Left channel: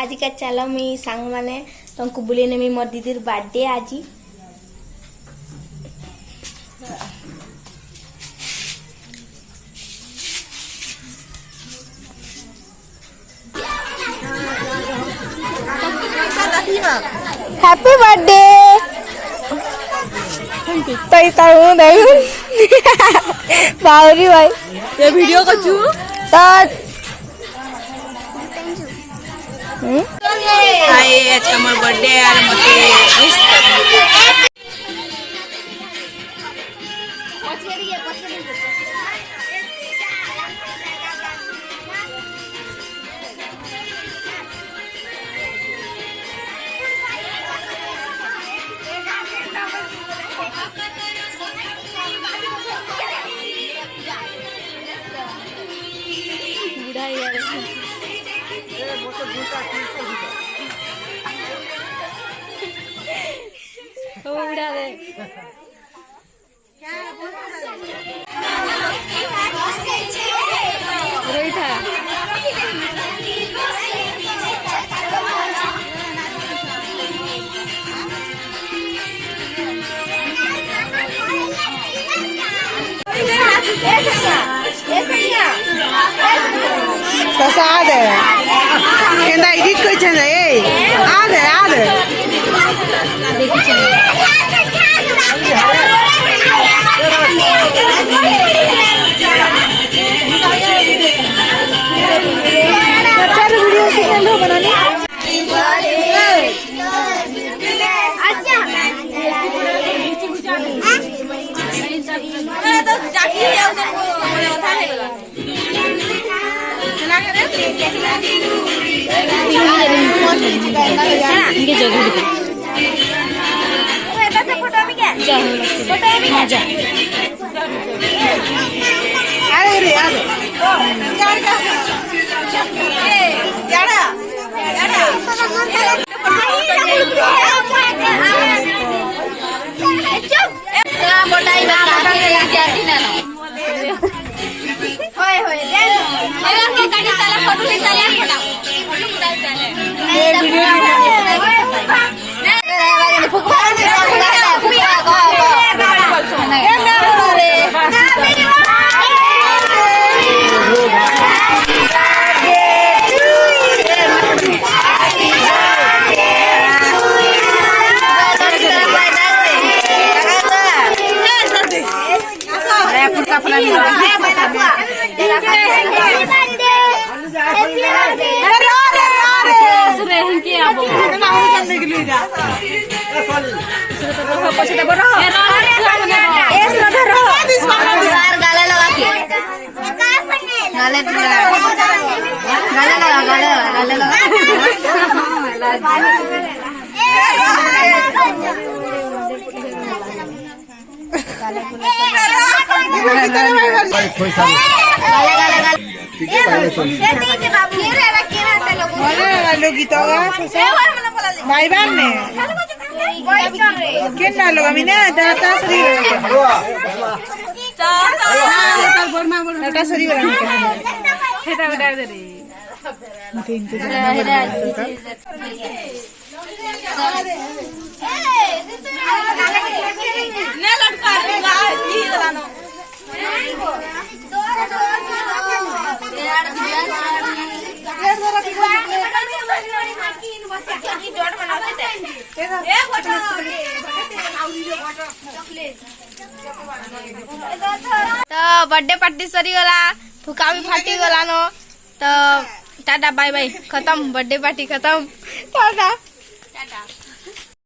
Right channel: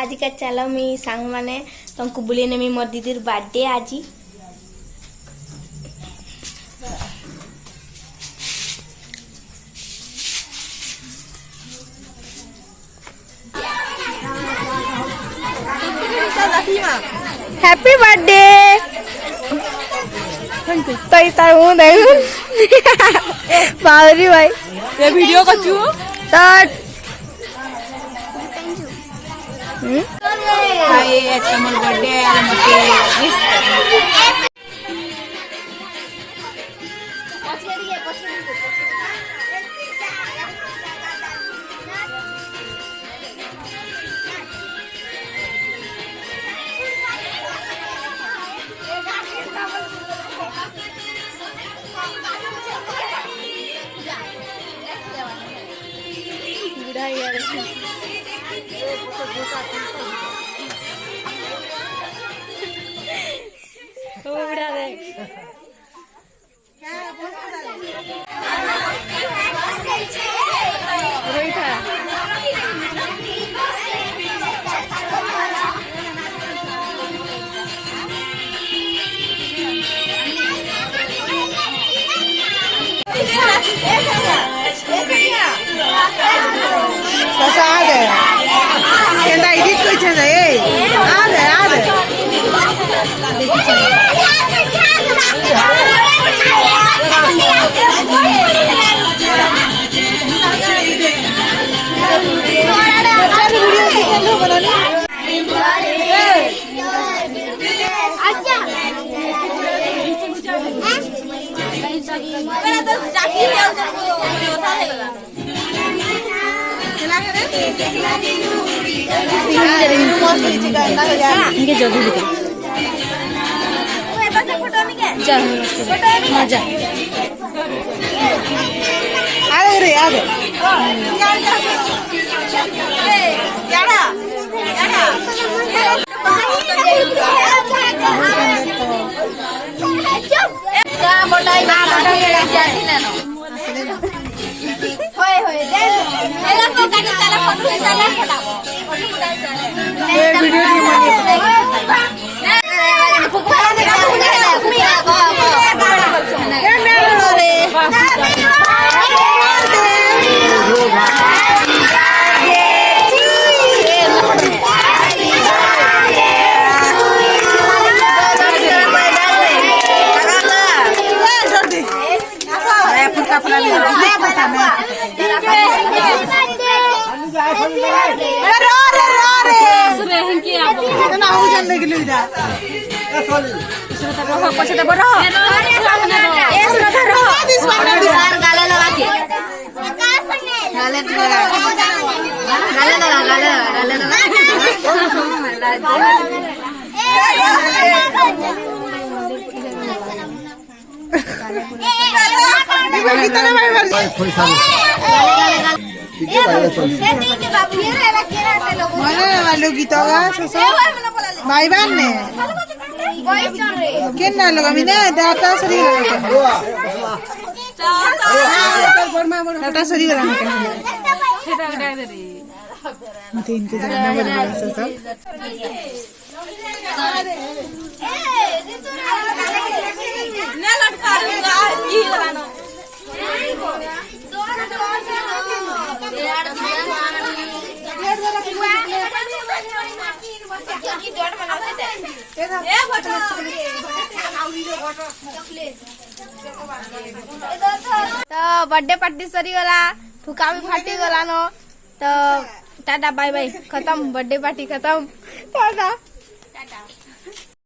आज का चलो मी सांग माने तुमको बुले ने मी मोर दीदीर बर्थडे आज हैप्पी बर्थडे तो तारू देखो बावरी भाई ये वीडियो का चू तो हाय आज का मोर बर्थडे और मते विश कर बुढ़ा यार वो बुढ़ा दे रोई था कैसा आ गया केंदा एडिट कोइ छ रे आ रे इनके जरूर दिखे जा हाँ जा रे भाई बहन ने केना लोग अमी ना दाता सरी दाता सरी खेता उड़ा दे मते इंतजार ना कर सब ना लटका ई वाला तो बर्थडे पार्टी सरी गला फुका भी फाटी गला नो तो टाटा बाय बाय खत्म बर्थडे पार्टी खत्म टाटा टाटा।